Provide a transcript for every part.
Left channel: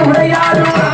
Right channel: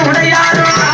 உடையாரோ?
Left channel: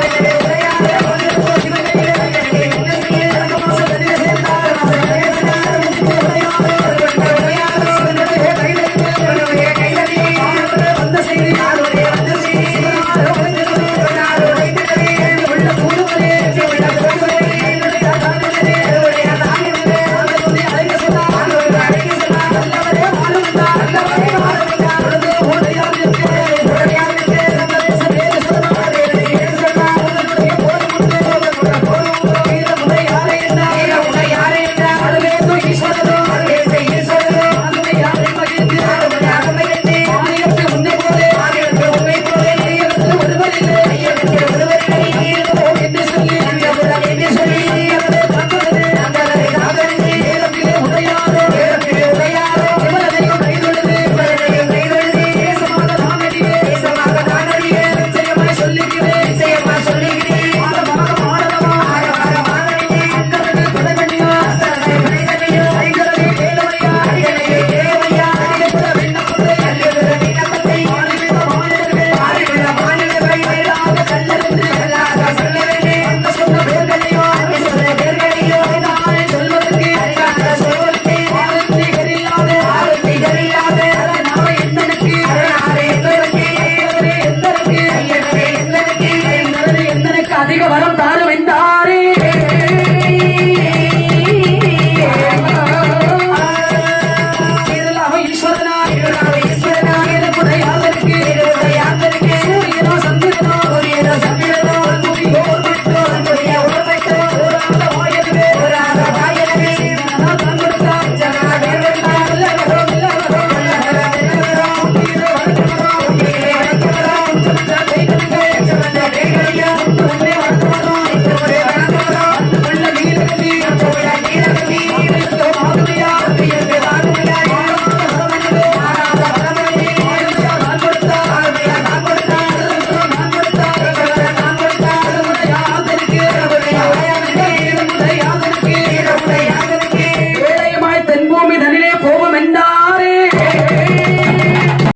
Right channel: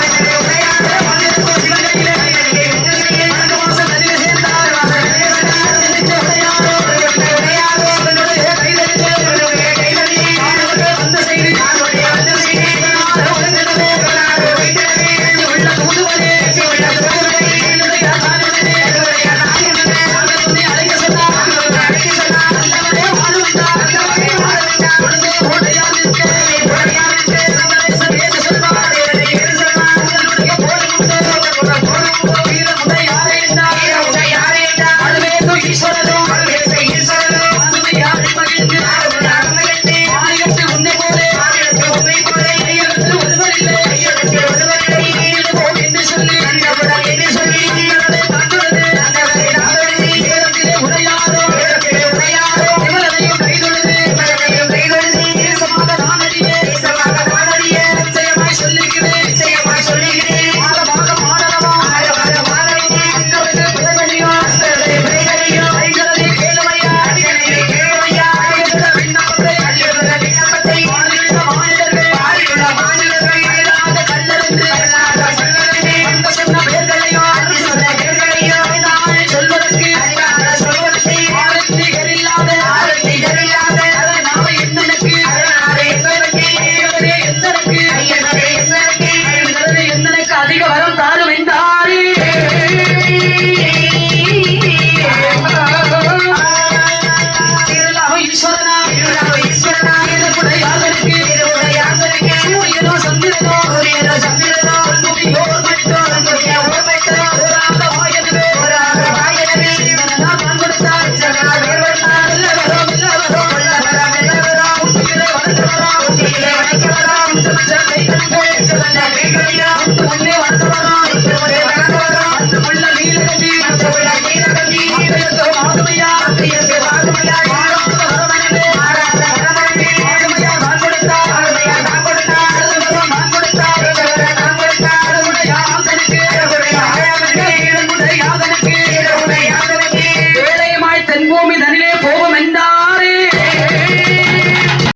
அதிக வரம் தாரும் என்றாரே. ஈஸ்வரனா ஈஸ்வரனா சந்திரனோ சந்திரனோ